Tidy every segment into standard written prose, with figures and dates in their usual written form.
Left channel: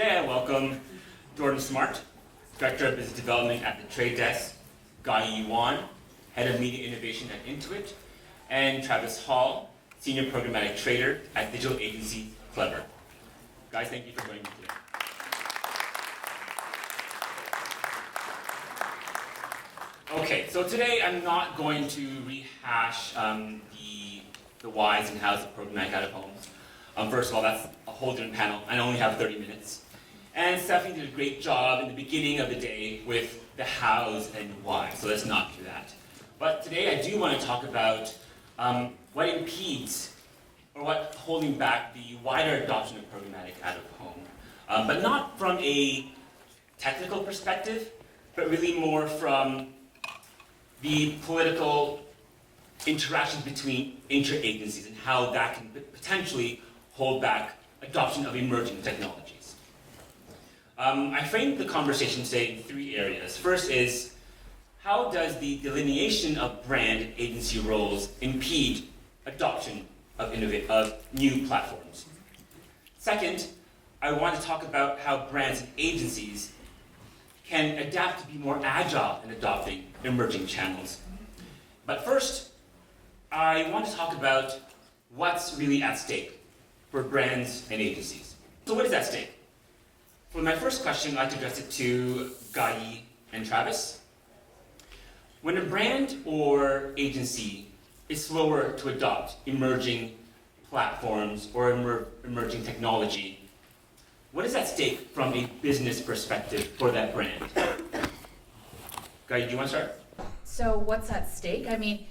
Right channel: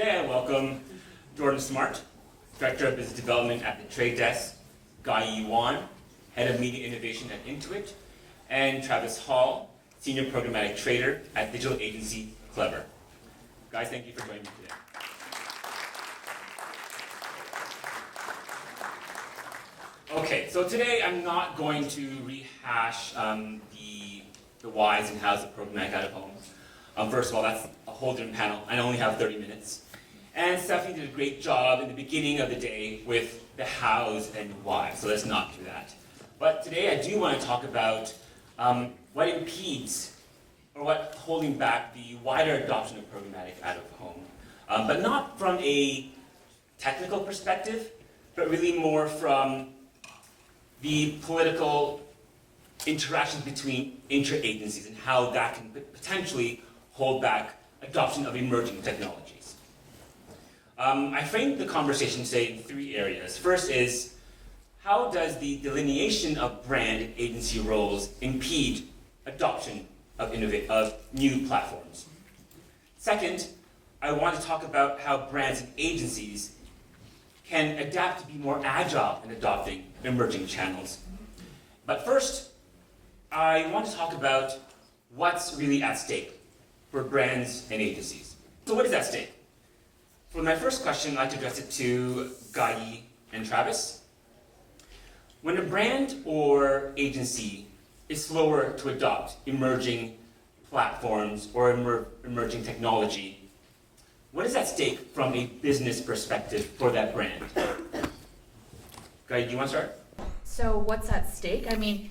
Today I welcome Jordan Smart, Director of Business Development at the Trade Desk, Gah-Yee, Head of Media Innovation at Intuit, and Travis Hall, Senior Programmatic Trader at digital agency Klever. Guys, thank you for joining me today. Okay, so today I'm not going to rehash the whys and hows of programmatic out of home. First of all, that's a whole different panel. I only have 30 minutes. And Stephanie did a great job in the beginning of the day with the hows and why, so let's not do that. But today I do want to talk about what impedes or what's holding back the wider adoption of programmatic out of home. But not from a technical perspective, but really more from the political interactions between inter-agencies and how that can potentially hold back adoption of emerging technologies. I framed the conversation today in three areas. First is, how does the delineation of brand and agency roles impede adoption of new platforms? Second, I want to talk about how brands and agencies can adapt to be more agile in adopting emerging channels. But first, I want to talk about what's really at stake for brands and agencies. So what is at stake? For my first question, I'd like to address it to Gah-Yee and Travis. When a brand or agency is slower to adopt emerging platforms or emerging technology, what is at stake from a business perspective for that brand? Gah-Yee, do you want to start? So what's at stake? I mean,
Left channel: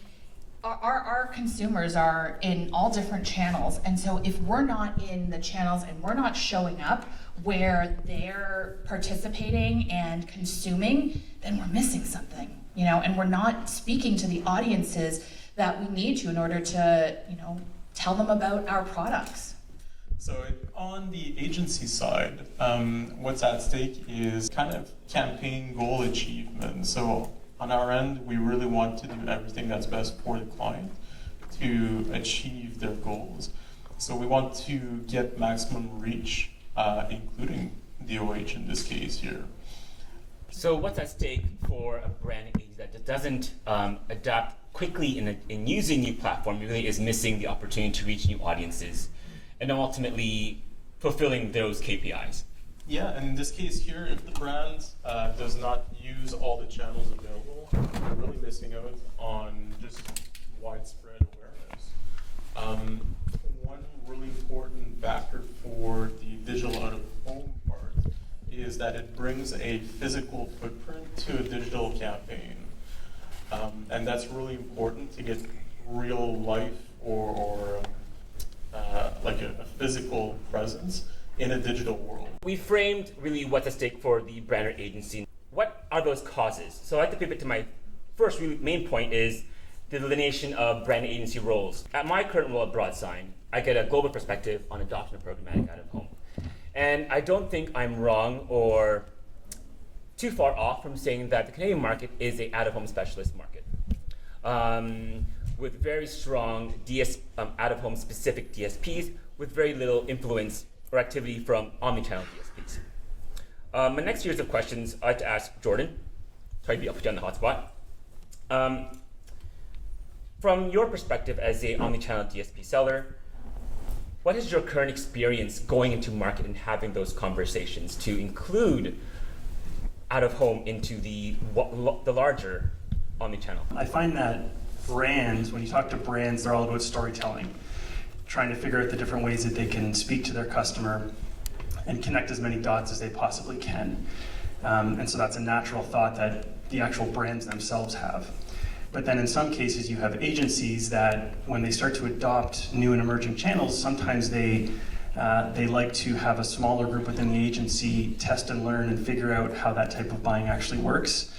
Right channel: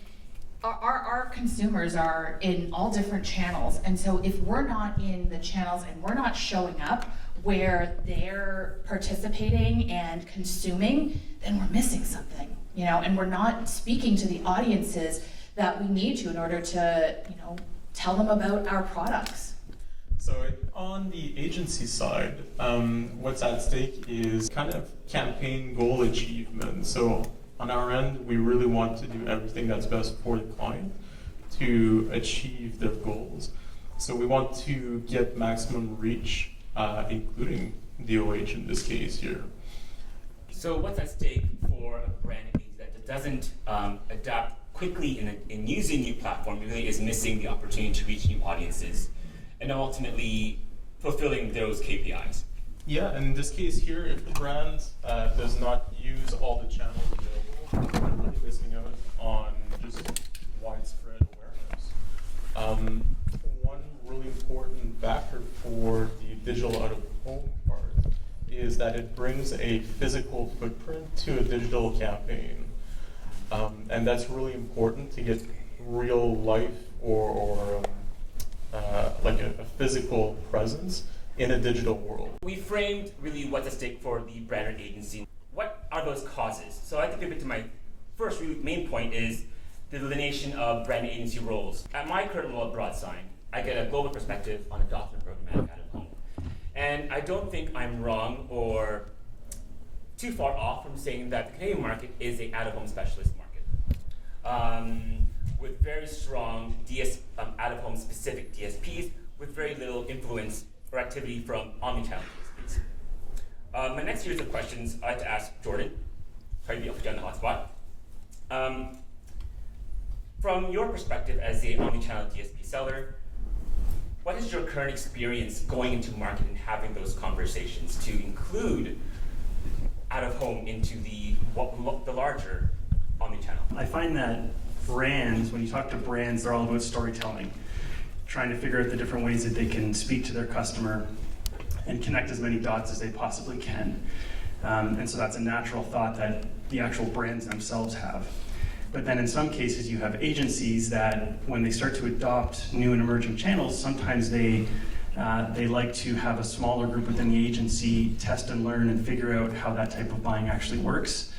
our consumers are in all different channels, and so if we're not in the channels and we're not showing up where they're participating and consuming, then we're missing something, and we're not speaking to the audiences that we need to in order to, tell them about our products. So on the agency side, what's at stake is kind of campaign goal achievement. So on our end, we really want to do everything that's best for the client to achieve their goals. So we want to get maximum reach, including DOOH in this case here. So what's at stake for a brand agency that doesn't adapt quickly in using new platform really is missing the opportunity to reach new audiences and ultimately fulfilling those KPIs. Yeah, and in this case here, if the brand does not use all the channels available, they're really missing out on just widespread awareness. One really important factor for the digital out-of-home part is that it brings a physical footprint to a digital campaign. And that's really important to get real life or like a physical presence in a digital world. We framed really what's at stake for the brand or agency. What are those causes? So I'd like to pivot to my first really main point is the delineation of brand and agency roles. At my current role at Broadsign, I get a global perspective on adoption of programmatic out of home. And I don't think I'm wrong or too far off from saying that the Canadian market is an out-of-home specialist market. With very strong out-of-home specific DSPs with very little influence or activity from omnichannel DSPs. My next series of questions I'd like to ask Jordan. Sorry to put you on the hot spot. From your perspective as a omnichannel DSP seller, what is your current experience going into market and having those conversations to include out-of-home into the larger omnichannel? I find that brands, when you talk to brands, they're all about storytelling, trying to figure out the different ways that they can speak to their customer and connect as many dots as they possibly can. And so that's a natural thought that the actual brands themselves have. But then in some cases you have agencies that when they start to adopt new and emerging channels, sometimes they like to have a smaller group within the agency test and learn and figure out how that type of buying actually works.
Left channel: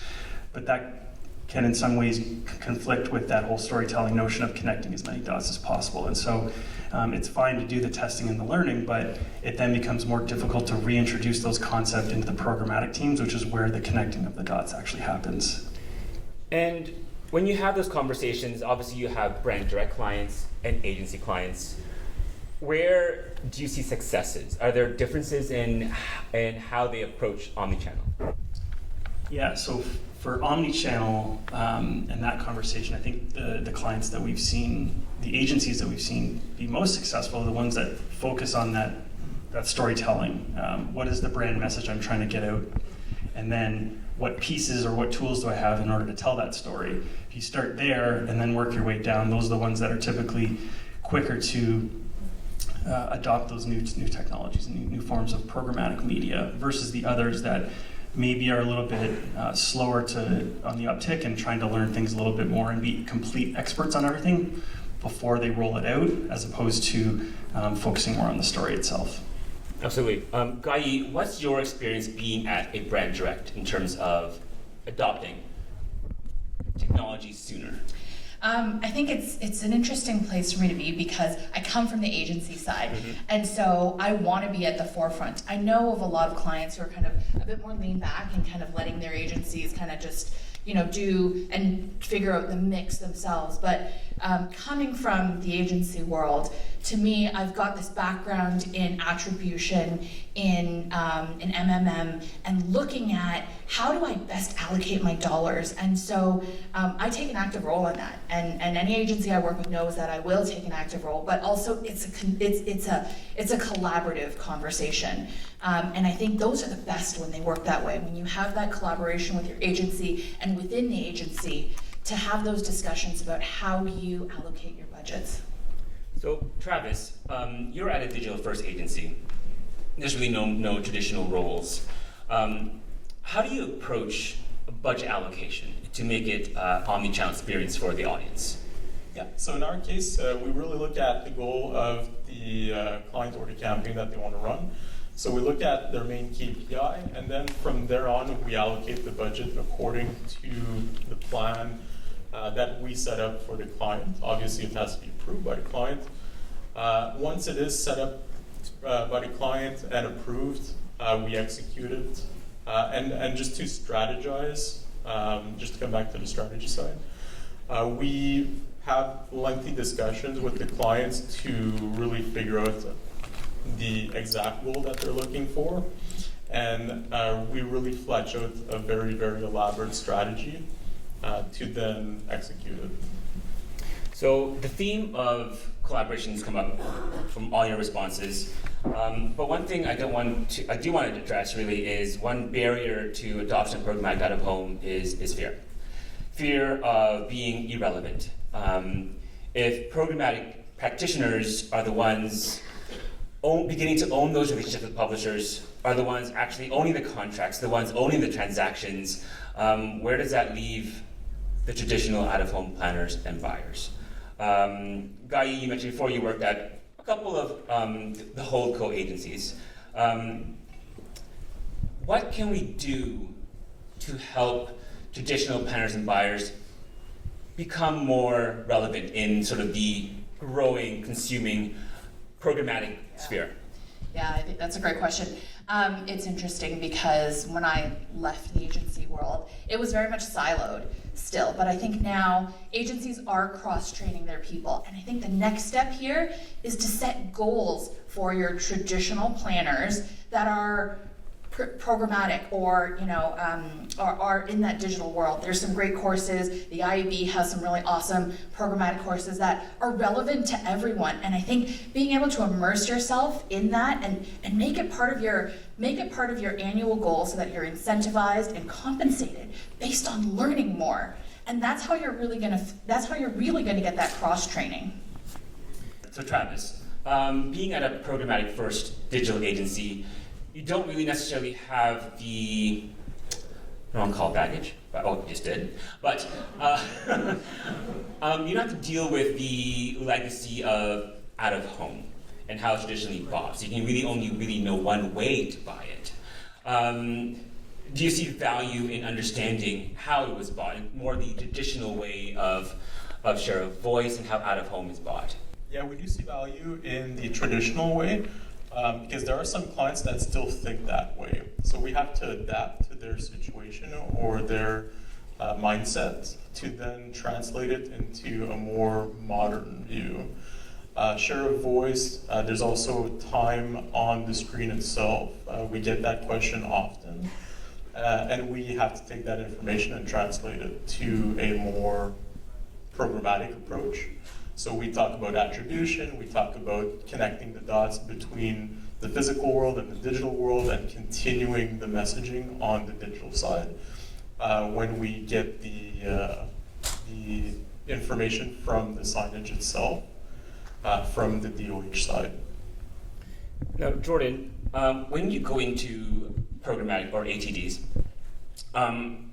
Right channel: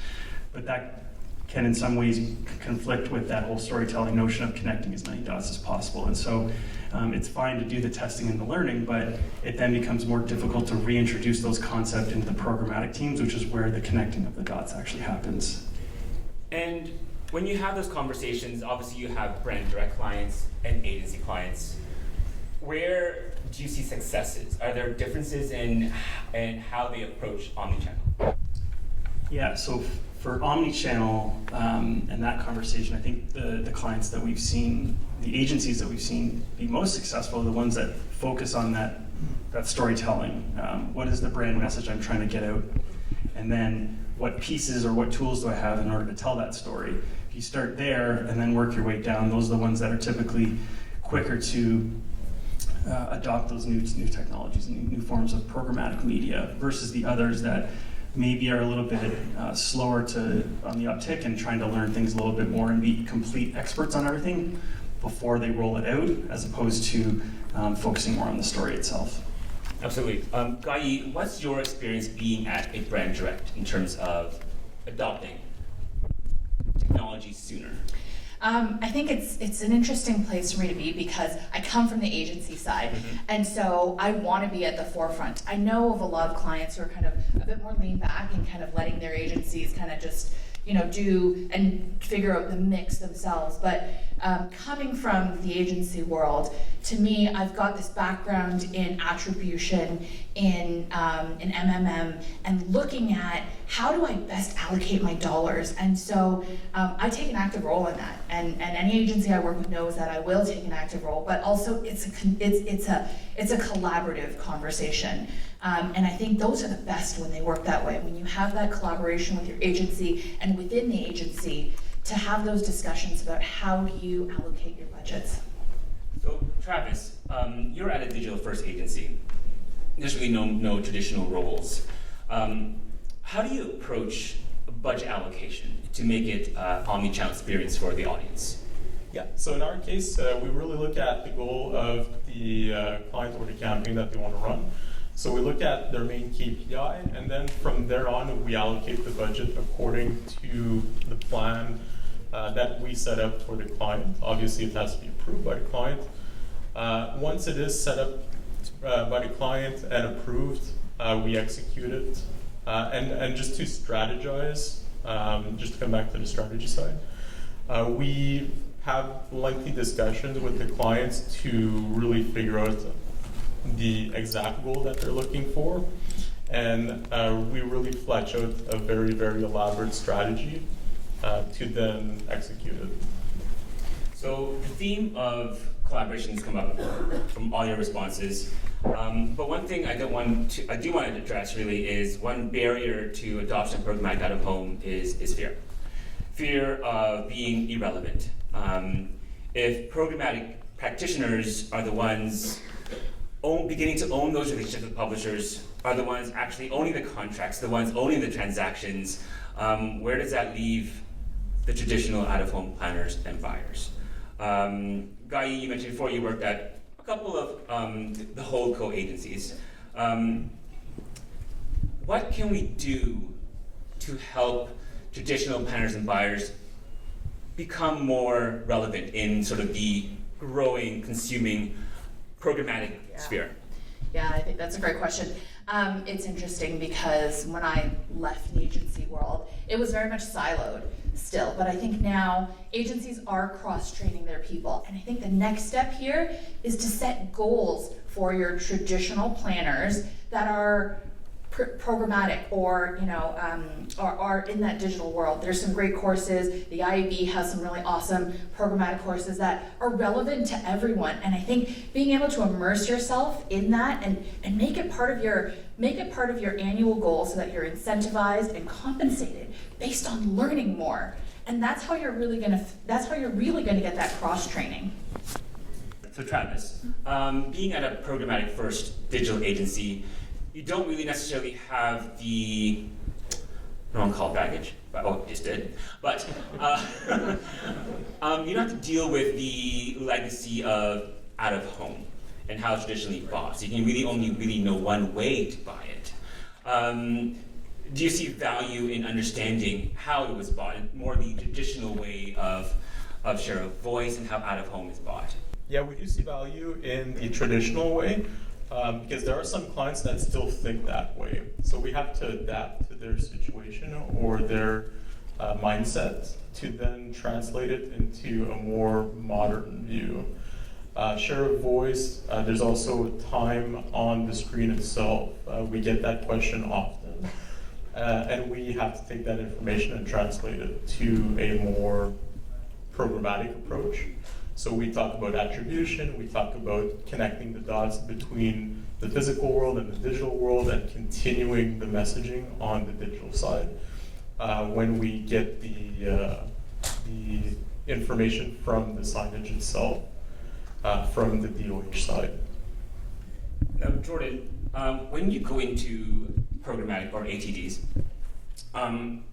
But that can in some ways conflict with that whole storytelling notion of connecting as many dots as possible. And so it's fine to do the testing and the learning, but it then becomes more difficult to reintroduce those concepts into the programmatic teams, which is where the connecting of the dots actually happens. And when you have those conversations, obviously you have brand direct clients and agency clients. where do you see successes? Are there differences in how they approach omnichannel? Yeah, so for omnichannel and that conversation, I think the clients that we've seen, the agencies that we've seen be most successful are the ones that focus on that storytelling. What is the brand message I'm trying to get out? And then what pieces or what tools do I have in order to tell that story? If you start there and then work your way down, those are the ones that are typically quicker to adopt those new technologies and new forms of programmatic media versus the others that maybe are a little bit slower on the uptick and trying to learn things a little bit more and be complete experts on everything before they roll it out, as opposed to focusing more on the story itself. Absolutely. Gah-Yee, what's your experience being at a brand direct in terms of adopting technology sooner? I think it's an interesting place for me to be because I come from the agency side, and so I want to be at the forefront. I know of a lot of clients who are kind of a bit more lean back and kind of letting their agencies kind of just do and figure out the mix themselves. But coming from the agency world, to me, I've got this background in attribution, in MMM, and looking at how do I best allocate my dollars. And so I take an active role in that. And any agency I work with knows that I will take an active role. But also, it's a collaborative conversation. And I think those are the best when they work that way. When you have that collaboration with your agency and within the agency to have those discussions about how you allocate your budgets. So Travis, you're at a digital first agency. There's really no traditional roles. How do you approach a budget allocation to make it omnichannel experience for the audience? Yeah, so in our case, we really look at the goal of the client or the campaign that they want to run. So we look at their main KPI, and then from there on, we allocate the budget according to the plan that we set up for the client. Obviously, it has to be approved by the client. Once it is set up by the client and approved, we execute it. And just to strategize, just to come back to the strategy side, we have lengthy discussions with the clients to really figure out the exact goal that they're looking for. And we really flesh out a very, very elaborate strategy to then execute it. So the theme of collaboration has come up from all your responses. But one thing I do want to address really is one barrier to adoption of programmatic out of home is fear. Fear of being irrelevant. If programmatic practitioners are the ones beginning to own those relationships with publishers, are the ones actually owning the contracts, the ones owning the transactions, where does that leave the traditional out-of-home planners and buyers? Gah-Yee, you mentioned before you worked at a couple of the holdco agencies. What can we do to help traditional planners and buyers become more relevant in sort of the growing, consuming, programmatic sphere? Yeah, I think that's a great question. It's interesting because when I left the agency world, it was very much siloed still, but I think now agencies are cross-training their people, and I think the next step here is to set goals for your traditional planners that are programmatic or are in that digital world. There's some great courses. The IAB has some really awesome programmatic courses that are relevant to everyone, and I think being able to immerse yourself in that and make it part of your annual goal so that you're incentivized and compensated based on learning more, and that's how you're really gonna get that cross training. So Travis, being at a programmatic first digital agency, you don't really necessarily have the, I don't want to call it baggage, but, oh, just did. But you don't have to deal with the legacy of out of home and how it's traditionally bought. So you can really only know one way to buy it. Do you see value in understanding how it was bought and more the traditional way of share of voice and how out of home is bought? Yeah, we do see value in the traditional way. Because there are some clients that still think that way. So we have to adapt to their situation or their mindset to then translate it into a more modern view. Share of voice, there's also time on the screen itself. We get that question often. And we have to take that information and translate it to a more programmatic approach. So we talk about attribution, we talk about connecting the dots between the physical world and the digital world and continuing the messaging on the digital side. When we get the information from the signage itself, from the DOOH side. Now, Jordan, when you go into programmatic or ATDs,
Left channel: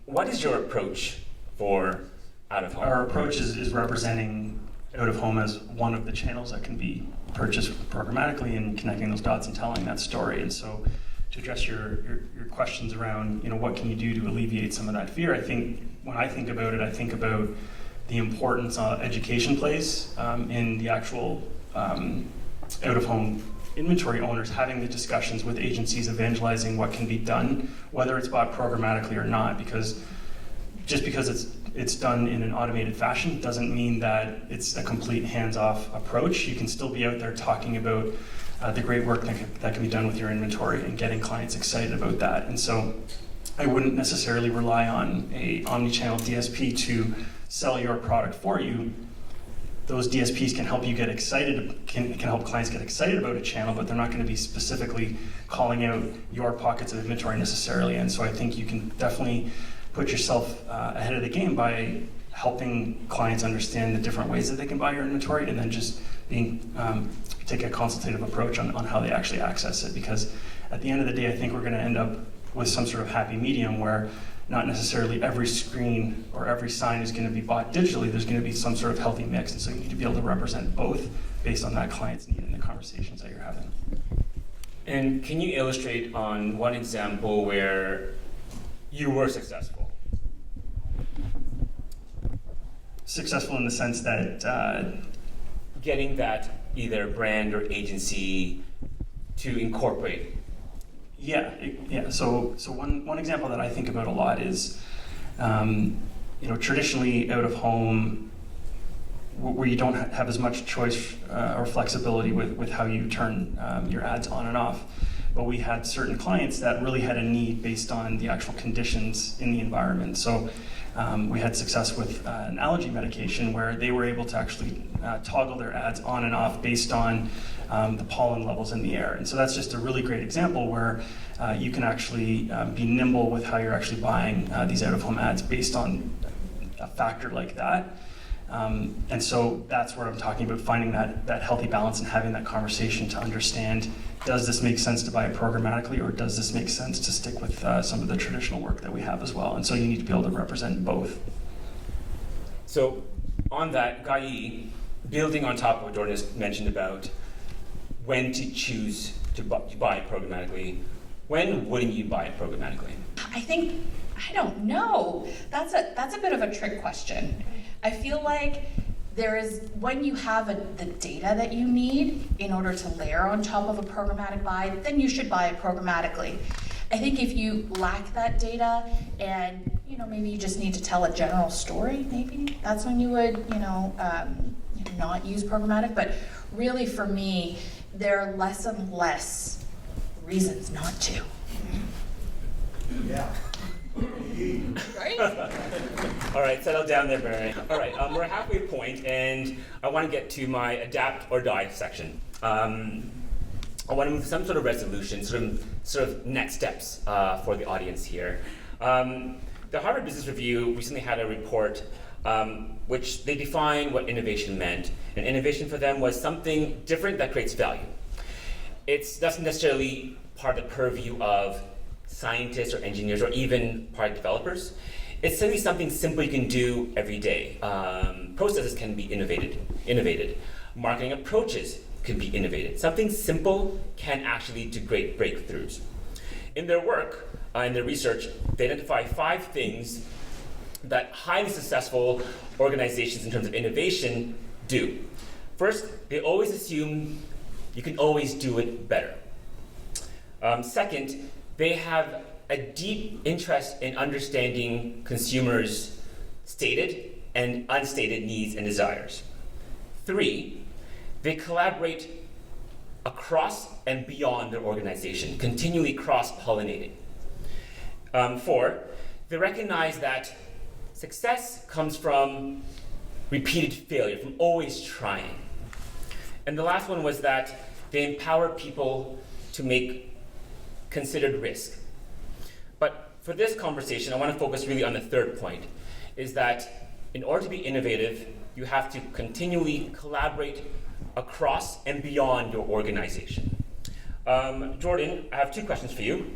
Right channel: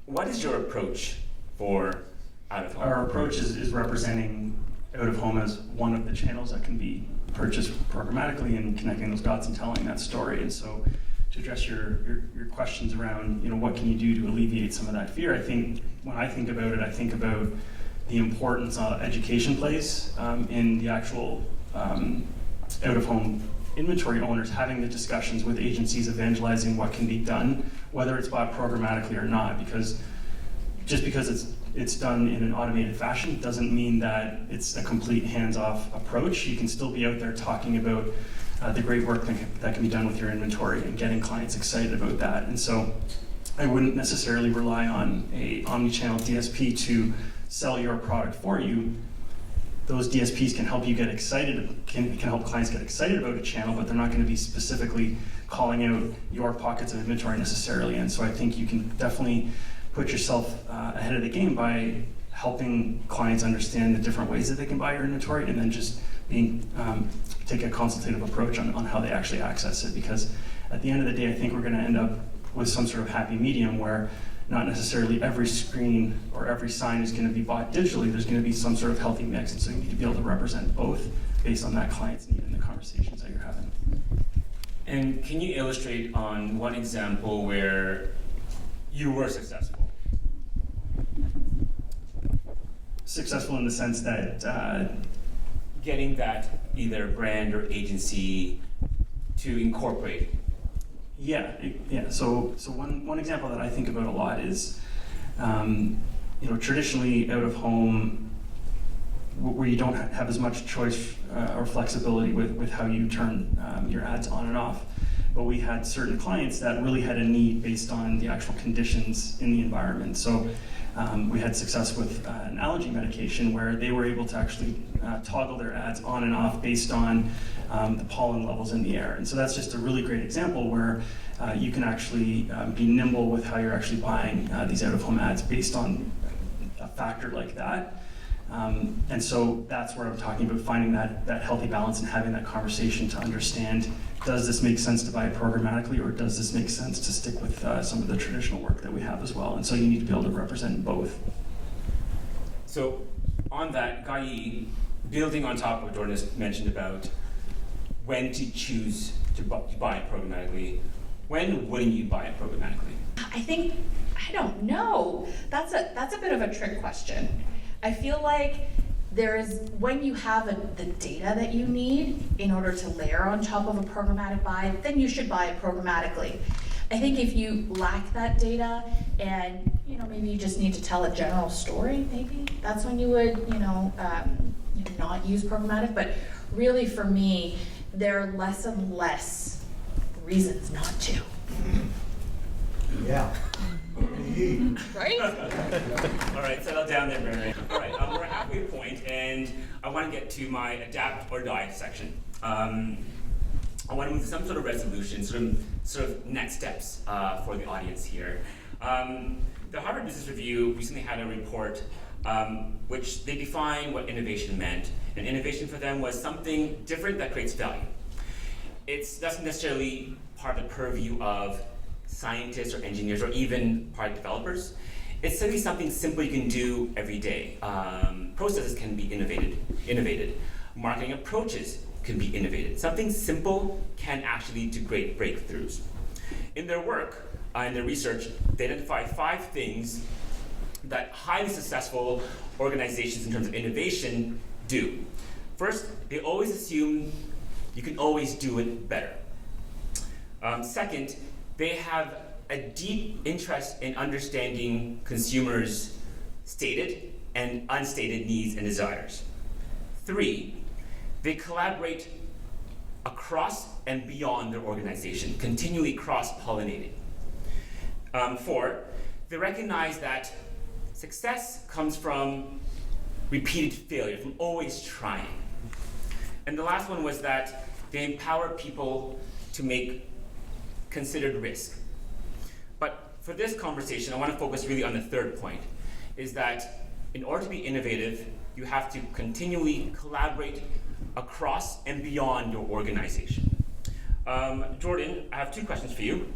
what is your approach for out-of-home? Our approach is representing out-of-home as one of the channels that can be purchased programmatically and connecting those dots and telling that story. And so to address your questions around, what can you do to alleviate some of that fear, I think when I think about it, I think about the importance education plays in the actual out-of-home inventory owners having the discussions with agencies evangelizing what can be done, whether it's bought programmatically or not, because just because it's done in an automated fashion doesn't mean that it's a complete hands-off approach. You can still be out there talking about the great work that can be done with your inventory and getting clients excited about that. And so I wouldn't necessarily rely on a omnichannel DSP to sell your product for you. Those DSPs can help you get excited, can help clients get excited about a channel, but they're not going to be specifically calling out your pockets of inventory necessarily. And so I think you can definitely put yourself ahead of the game by helping clients understand the different ways that they can buy your inventory, and then just take a consultative approach on how they actually access it. Because at the end of the day, I think we're going to end up with some sort of happy medium where not necessarily every screen or every sign is going to be bought digitally. There's going to be some sort of healthy mix, and so you need to be able to represent both based on that client's need and the conversations that you're having. And can you illustrate on one example where you were successful? Successful in the sense that getting that either brand or agency to incorporate. Yeah. So one example that I think about a lot is, traditionally out of home, where you don't have as much choice or flexibility with how you turn your ads on and off. But we had certain clients that really had a need based on the actual conditions in the environment. So we had success with an allergy medication where they were able to actually toggle their ads on and off based on the pollen levels in the air. And so that's just a really great example where you can actually be nimble with how you're actually buying these out-of-home ads based on a factor like that. And so that's where I'm talking about finding that healthy balance and having that conversation to understand, does this make sense to buy it programmatically, or does this make sense to stick with some of the traditional work that we have as well? And so you need to be able to represent both. So on that, Gah-Yee, building on top of what Jordan has mentioned about when to choose to buy it programmatically, when wouldn't you buy it programmatically? I don't know. That's a bit of a trick question. I feel like when you have the data that you need in order to layer on top of a programmatic buy, then you should buy it programmatically. I think if you lack that data and maybe you just need to tell a general story, maybe that's when you would not use programmatic. But really, for me, there are less and less reasons not to. Yeah. Right? All right, settle down there, Barry. All right, we're halfway point, and I want to get to my adapt or die section. I want to move to some sort of resolution, sort of next steps for the audience here. The Harvard Business Review recently had a report which they defined what innovation meant, and innovation for them was something different that creates value. It doesn't necessarily part of the purview of scientists or engineers or even product developers. It's simply something simple you can do every day. Processes can be innovated. Marketing approaches can be innovated. Something simple can actually lead to great breakthroughs. In their work, in their research, they identify 5 things that highly successful organizations in terms of innovation do. First, they always assume you can always do it better. Second, they have a deep interest in understanding consumers' stated and unstated needs and desires. 3, They collaborate across and beyond their organization, continually cross-pollinating. 4, they recognize that success comes from repeated failure, from always trying. And the last one was that they empower people to make considered risk. But for this conversation, I want to focus really on the third point, is that in order to be innovative, you have to continually collaborate across and beyond your organization. Jordan, I have 2 questions for you.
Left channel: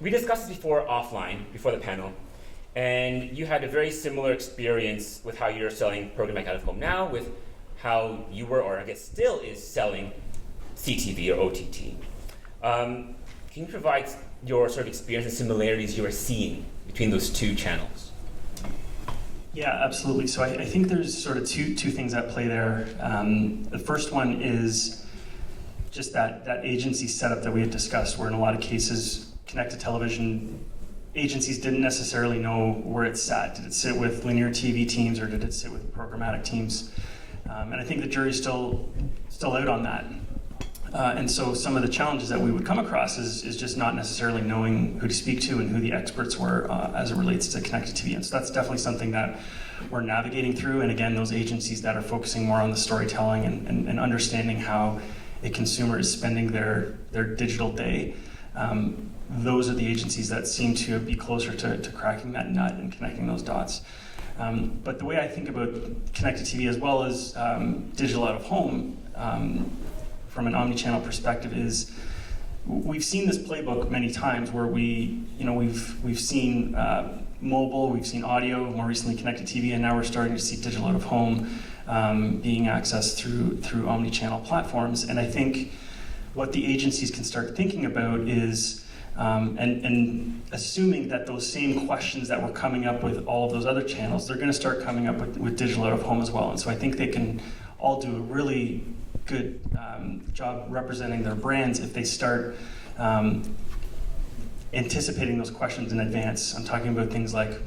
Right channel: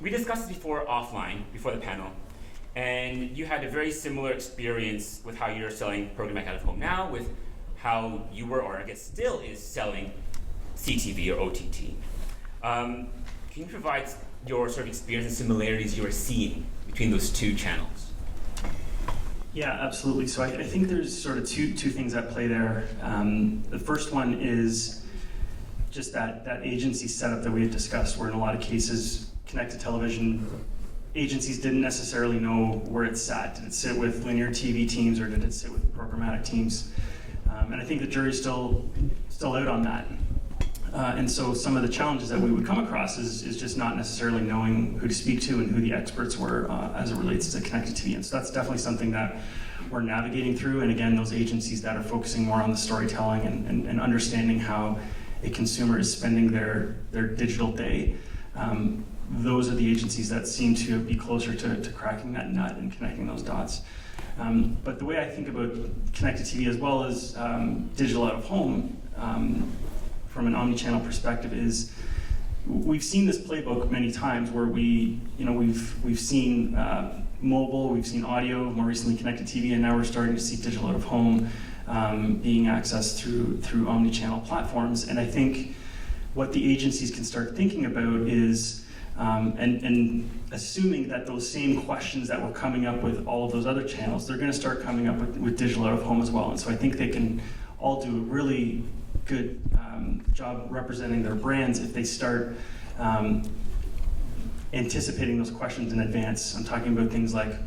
We discussed this before offline, before the panel, and you had a very similar experience with how you're selling Programmatic out of home now, with how you were, or I guess still is, selling CTV or OTT. Can you provide your sort of experience and similarities you are seeing between those 2 channels? Yeah, absolutely. So I think there's sort of two things at play there. The first one is just that agency setup that we had discussed, where in a lot of cases, connected television agencies didn't necessarily know where it sat. Did it sit with linear TV teams or did it sit with programmatic teams? And I think the jury's still out on that. And so some of the challenges that we would come across is just not necessarily knowing who to speak to and who the experts were as it relates to connected TV. And so that's definitely something that we're navigating through. And again, those agencies that are focusing more on the storytelling and understanding how a consumer is spending their digital day, those are the agencies that seem to be closer to cracking that nut and connecting those dots. But the way I think about connected TV as well as digital out of home, from an omnichannel perspective, is we've seen this playbook many times where we've seen mobile, we've seen audio, more recently connected TV, and now we're starting to see digital out of home being accessed through omnichannel platforms. And I think what the agencies can start thinking about is and assuming that those same questions that were coming up with all of those other channels, they're going to start coming up with digital out of home as well. And so I think they can all do a really good job representing their brands if they start anticipating those questions in advance. I'm talking about things like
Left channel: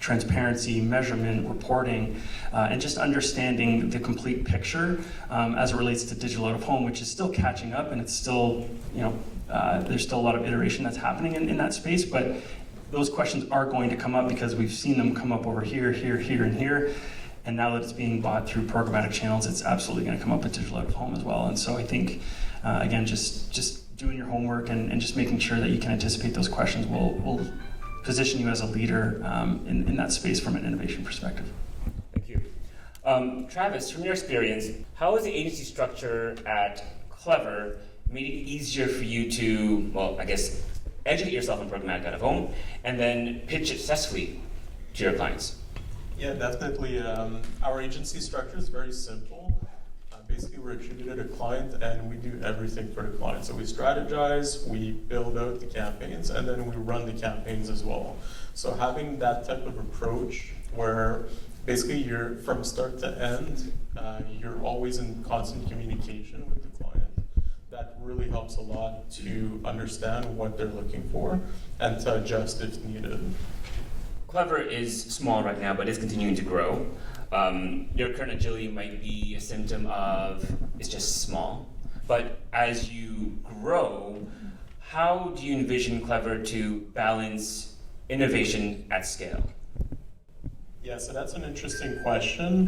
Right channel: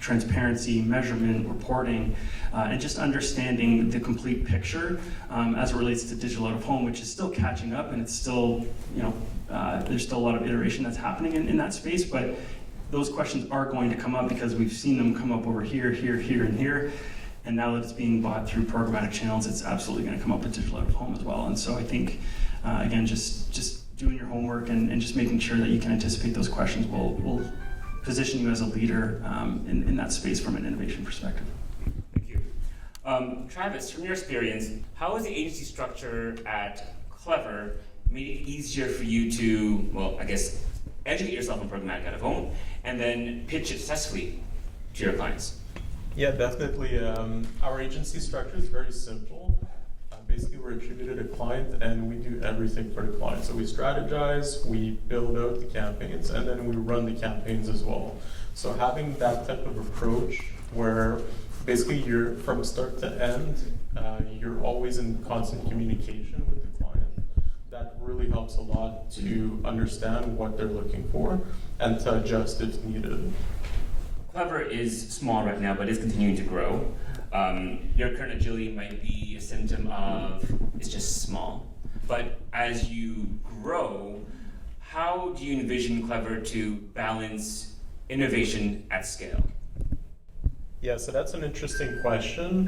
transparency, measurement, reporting, and just understanding the complete picture as it relates to digital out of home, which is still catching up, and it's still, there's still a lot of iteration that's happening in that space, but those questions are going to come up because we've seen them come up over here, here, here, and here. And now that it's being bought through programmatic channels, it's absolutely going to come up with digital out of home as well. And so I think, again, just doing your homework and just making sure that you can anticipate those questions will position you as a leader in that space from an innovation perspective. Thank you. Travis, from your experience, how has the agency structure at Klever made it easier for you to, well, I guess, educate yourself on programmatic out of home and then pitch it successfully to your clients? Yeah, definitely. Our agency structure is very simple. Basically, we're attributed a client and we do everything for the client. So we strategize, we build out the campaigns, and then we run the campaigns as well. So having that type of approach where basically you're from start to end, you're always in constant communication with the client. That really helps a lot to understand what they're looking for and to adjust if needed. Klever is small right now, but is continuing to grow. Your current agility might be a symptom of it's just small. But as you grow, how do you envision Klever to balance innovation at scale? Yeah, so that's an interesting question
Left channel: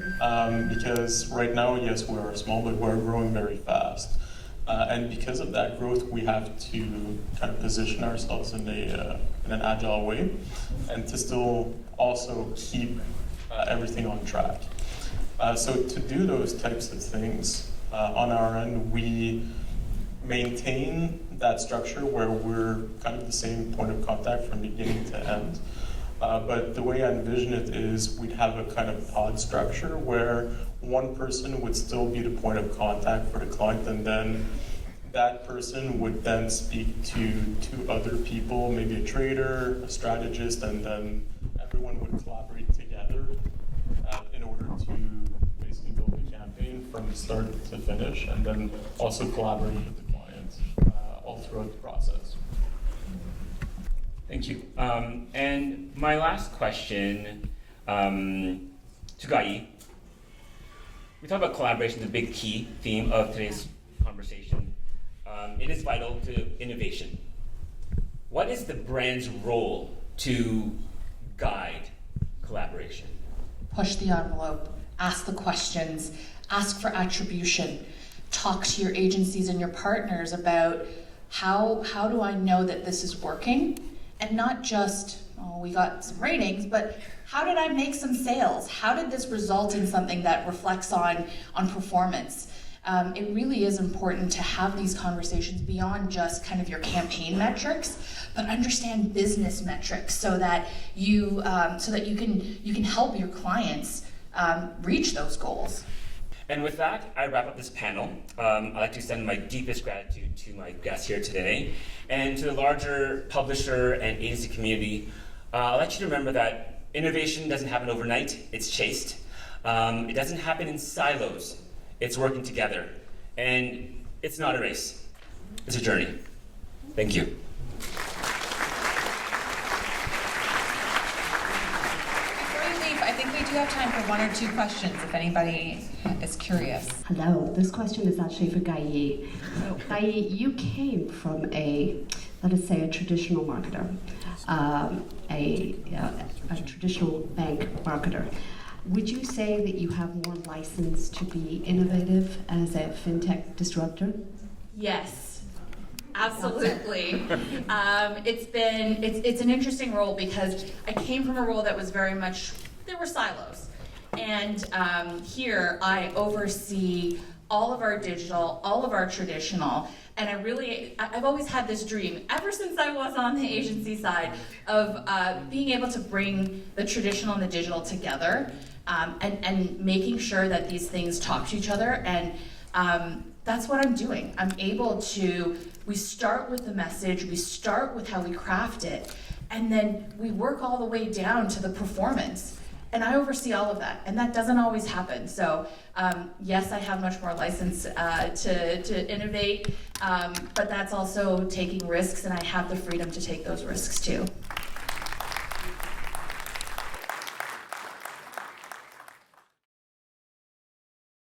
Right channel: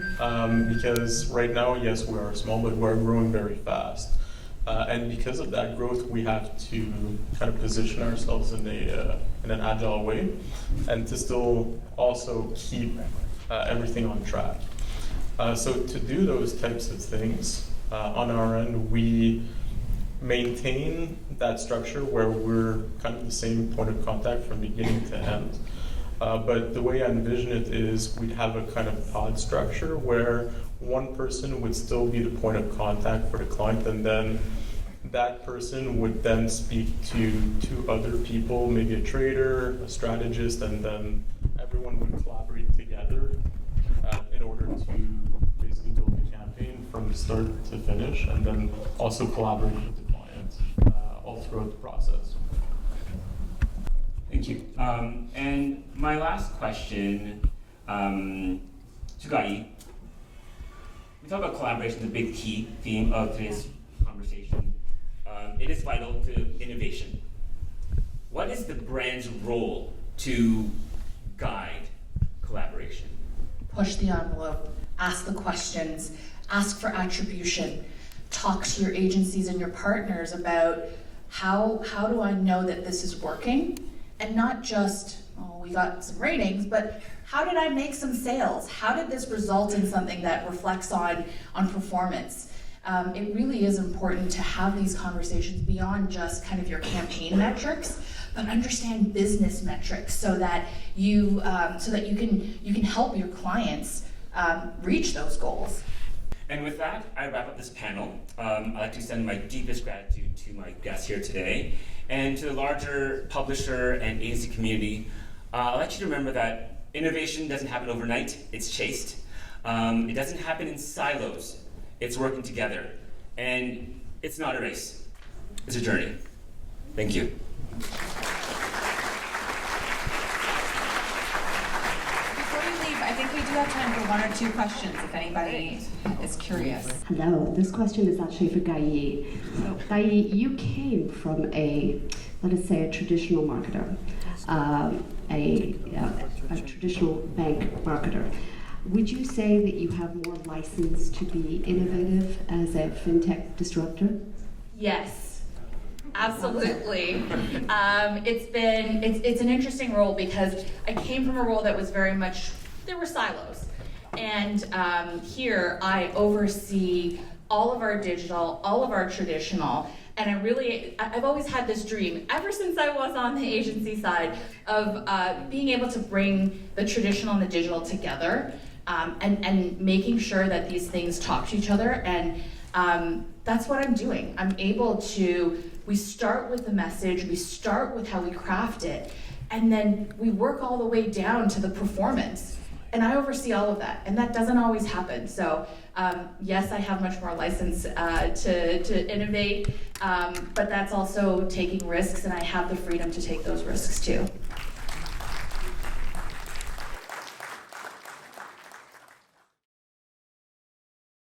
because right now, yes, we are small, but we're growing very fast. And because of that growth, we have to kind of position ourselves in an agile way and to still also keep everything on track. So to do those types of things, on our end, we maintain that structure where we're kind of the same point of contact from beginning to end. But the way I envision it is we'd have a kind of pod structure where one person would still be the point of contact for the client, and then that person would then speak to two other people, maybe a trader, a strategist, and then everyone would collaborate together in order to basically build the campaign from start to finish, and then also collaborate with the client all throughout the process. Thank you. And my last question to Gah-Yee. we talk about collaboration, the big key theme of today's conversation. It is vital to innovation. What is the brand's role to guide collaboration? Push the envelope, ask the questions, ask for attribution, talk to your agencies and your partners about how do I know that this is working, and not just, oh, we got some ratings, but how did I make some sales? How did this result in something that reflects on performance? It really is important to have these conversations beyond just kind of your campaign metrics, but understand business metrics so that you can help your clients reach those goals. And with that, I wrap up this panel. I'd like to extend my deepest gratitude to my guests here today, and to the larger publisher and agency community. I'd like you to remember that innovation doesn't happen overnight, it's chased. It doesn't happen in silos, it's working together. And it's not a race, it's a journey. Thank you. Before you leave, I think we do have time for 1 or 2 questions if anybody is curious. Hello, this question is actually for Gah-Yee. Gah-Yee, you came from let us say, a traditional marketer, a traditional bank marketer. Would you say that you have more license to be innovative as a fintech disruptor? Yes, absolutely. It's an interesting role because I came from a role that was very much, there were silos. And here I oversee all of our digital, all of our traditional, and I've always had this dream, ever since I was on the agency side, of being able to bring the traditional and the digital together, and making sure that these things talk to each other, and that's what I'm doing. I'm able to, we start with the message, we start with how we craft it, and then we work all the way down to the performance. And I oversee all of that, and that doesn't always happen. So yes, I have much more license to innovate, but that's also taking risks, and I have the freedom to take those risks too.